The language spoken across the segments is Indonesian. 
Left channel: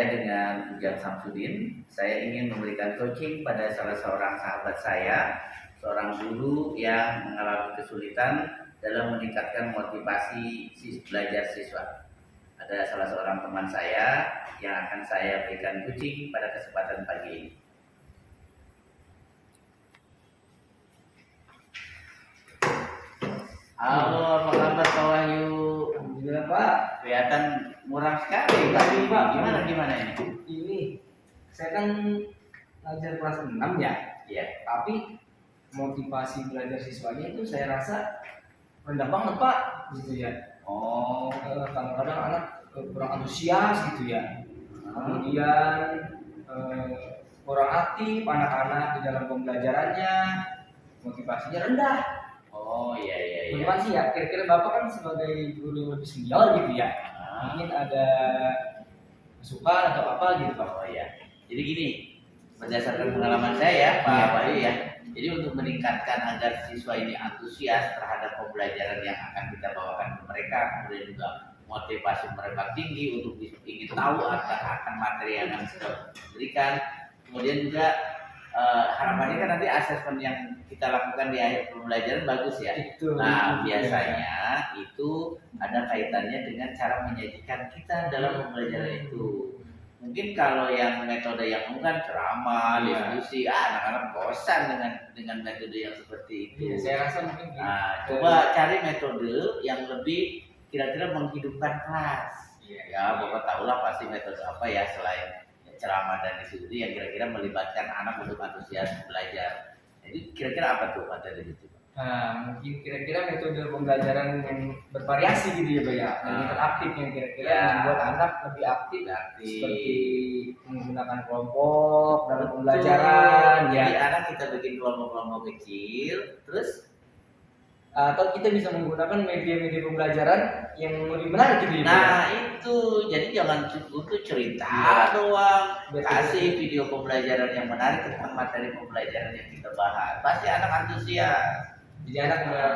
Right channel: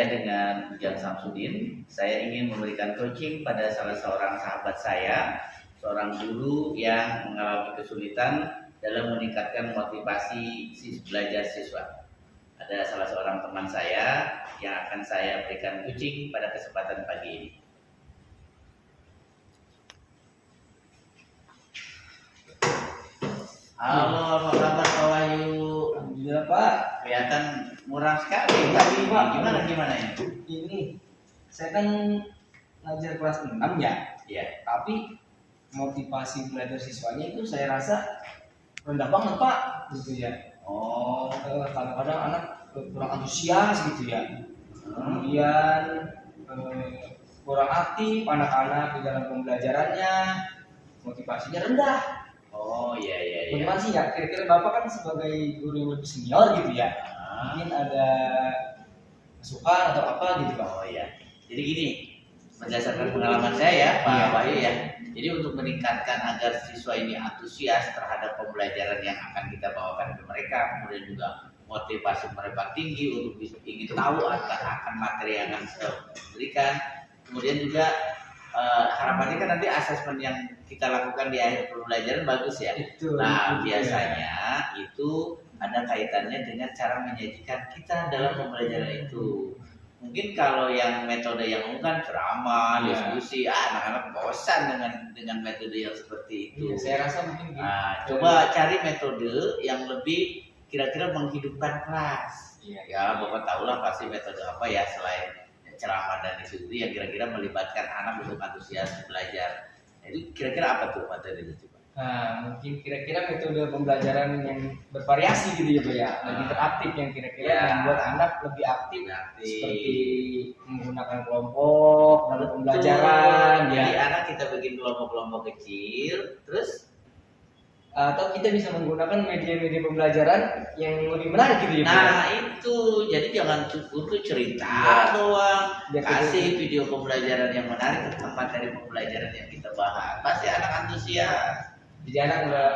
Saya dengan Ujang Samsudin, saya ingin memberikan coaching pada salah seorang sahabat saya, seorang guru yang mengalami kesulitan dalam meningkatkan motivasi belajar siswa. Ada salah seorang teman saya yang akan saya berikan coaching pada kesempatan pagi ini. Halo, apa kabar Pak Wahyu? Alhamdulillah Pak. Kelihatan murah sekali Pak. Pak. Gimana ini? Ini saya kan ngajar kelas 6 ya. Iya. Tapi motivasi belajar siswanya itu saya rasa rendah banget Pak, gitu ya. Oh, Kadang-kadang anak kurang antusias gitu ya. Kemudian kurang aktif anak-anak di dalam pembelajarannya, motivasinya rendah. oh iya. Bagaimana sih ya? Kira-kira Bapak kan sebagai guru yang lebih senior gitu ya. Mungkin ada masukan atau apa gitu Pak? Oh iya. Jadi gini, berdasarkan pengalaman saya Pak Wahyu ya. Jadi untuk meningkatkan agar siswa ini antusias terhadap pembelajaran yang akan kita bawakan ke mereka, kemudian juga motivasi mereka tinggi untuk ingin tahu akan materi yang akan kita berikan. Kemudian juga harapannya kan nanti asesmen yang kita lakukan di akhir pembelajaran bagus ya. Nah biasanya itu ada kaitannya dengan cara menyajikan kita dalam pembelajaran itu. Mungkin kalau yang metode yang bukan ceramah, diskusi, anak-anak bosan dengan metode yang seperti itu. Saya rasa mungkin coba cari metode yang lebih kira-kira menghidupkan kelas. Ya, Bapak tahulah pasti metode apa ya selain ceramah dan diskusi yang kira-kira melibatkan anak untuk antusias belajar. Jadi kira-kira apa tuh materi itu? Nah, mungkin kira-kira metode pembelajaran yang bervariasi gitu ya Pak ya, lebih interaktif yang kira-kira membuat anak lebih aktif seperti menggunakan kelompok dalam pembelajaran. Jadi anak kita bikin kelompok-kelompok kecil, terus atau kita bisa menggunakan media-media pembelajaran yang lebih menarik gitu ya. Nah itu, jadi jangan cukup cerita doang, kasih video pembelajaran yang menarik tentang materi pembelajaran yang kita bahas. Pasti anak antusias. Jadi anak nggak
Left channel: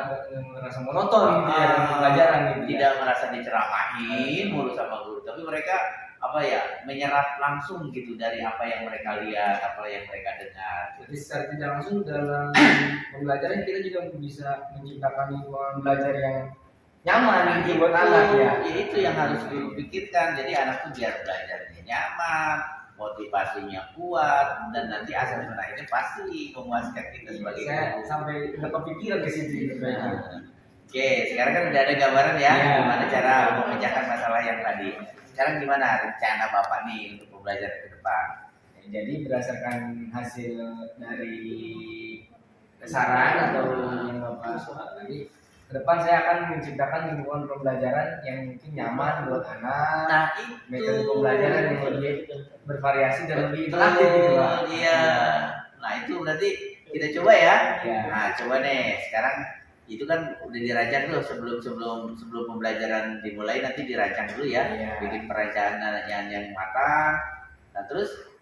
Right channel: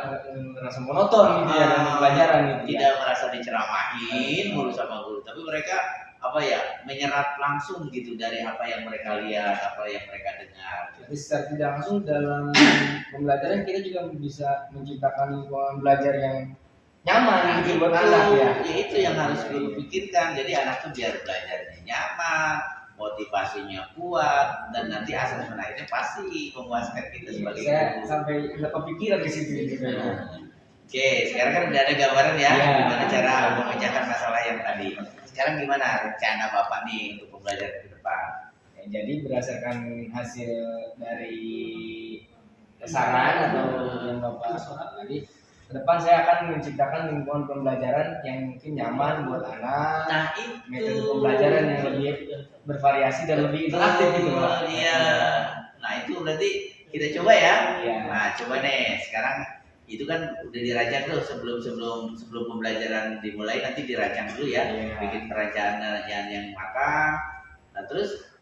merasa monoton gitu ya dalam pembelajaran gitu. Tidak merasa diceramahin mulu sama guru, tapi mereka menyerap langsung gitu dari apa yang mereka lihat, apa yang mereka dengar. Jadi secara tidak langsung dalam pembelajaran kita juga bisa menciptakan lingkungan belajar yang nyaman gitu buat anak ya. Itu yang harus guru pikirkan. Jadi anak tuh biar belajarnya nyaman, motivasinya kuat, dan nanti asesmen akhirnya pasti memuaskan kita sebagai guru. Saya sampai udah kepikiran ke situ gitu. Oke, sekarang kan udah ada gambaran ya gimana cara memecahkan masalah yang tadi. Sekarang gimana rencana Bapak nih untuk pembelajaran ke depan? Jadi berdasarkan hasil dari saran atau yang Bapak tadi, ke depan saya akan menciptakan lingkungan pembelajaran yang mungkin nyaman buat anak. Nah itu metode pembelajaran yang lebih bervariasi dan lebih interaktif gitu Pak. Iya. Nah itu berarti kita coba ya. Nah coba nih sekarang itu kan udah dirancang tuh sebelum pembelajaran dimulai, nanti dirancang dulu ya. Bikin perencanaan yang matang. Nah terus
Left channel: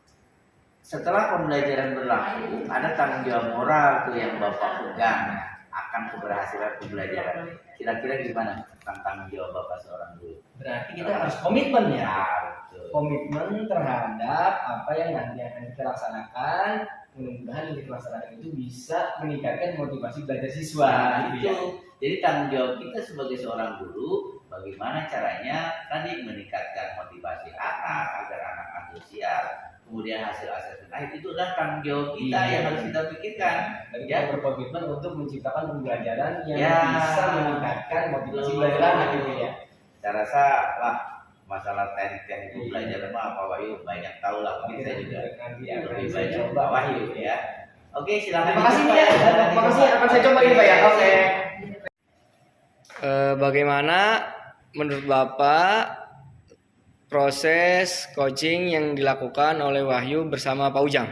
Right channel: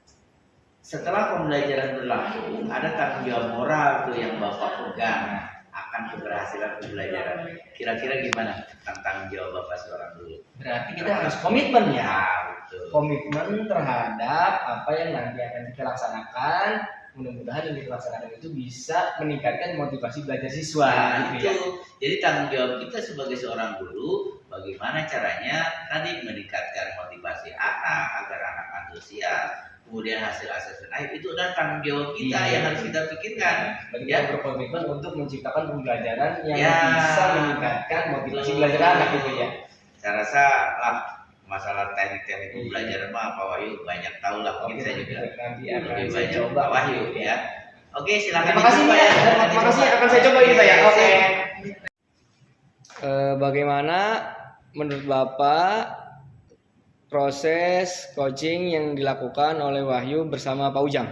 setelah pembelajaran berlangsung ada tanggung jawab moral tuh yang Bapak pegang akan keberhasilan pembelajaran. Kira-kira gimana tentang tanggung jawab Bapak seorang guru? Berarti kita harus komitmen ya. Betul. Komitmen terhadap apa yang nanti akan kita laksanakan. Mudah-mudahan yang kita laksanakan itu bisa meningkatkan motivasi belajar siswa. Gitu ya. Jadi tanggung jawab kita sebagai seorang guru, bagaimana caranya tadi meningkatkan motivasi anak agar anak antusias. Kemudian hasil asesmen akhir itu adalah tanggung jawab kita yang harus kita pikirkan. Kita berkomitmen untuk menciptakan pembelajaran yang bisa meningkatkan motivasi belajar anak gitu ya. Saya rasa lah masalah teknik pembelajaran Pak Wahyu banyak tahu lah. Mungkin saya juga lebih banyak Pak Wahyu ya. Oke, silakan. Terima kasih ya. Terima kasih, akan saya coba ini Pak ya. Oke. Bagaimana menurut Bapak proses coaching yang dilakukan oleh Wahyu bersama Pak Ujang?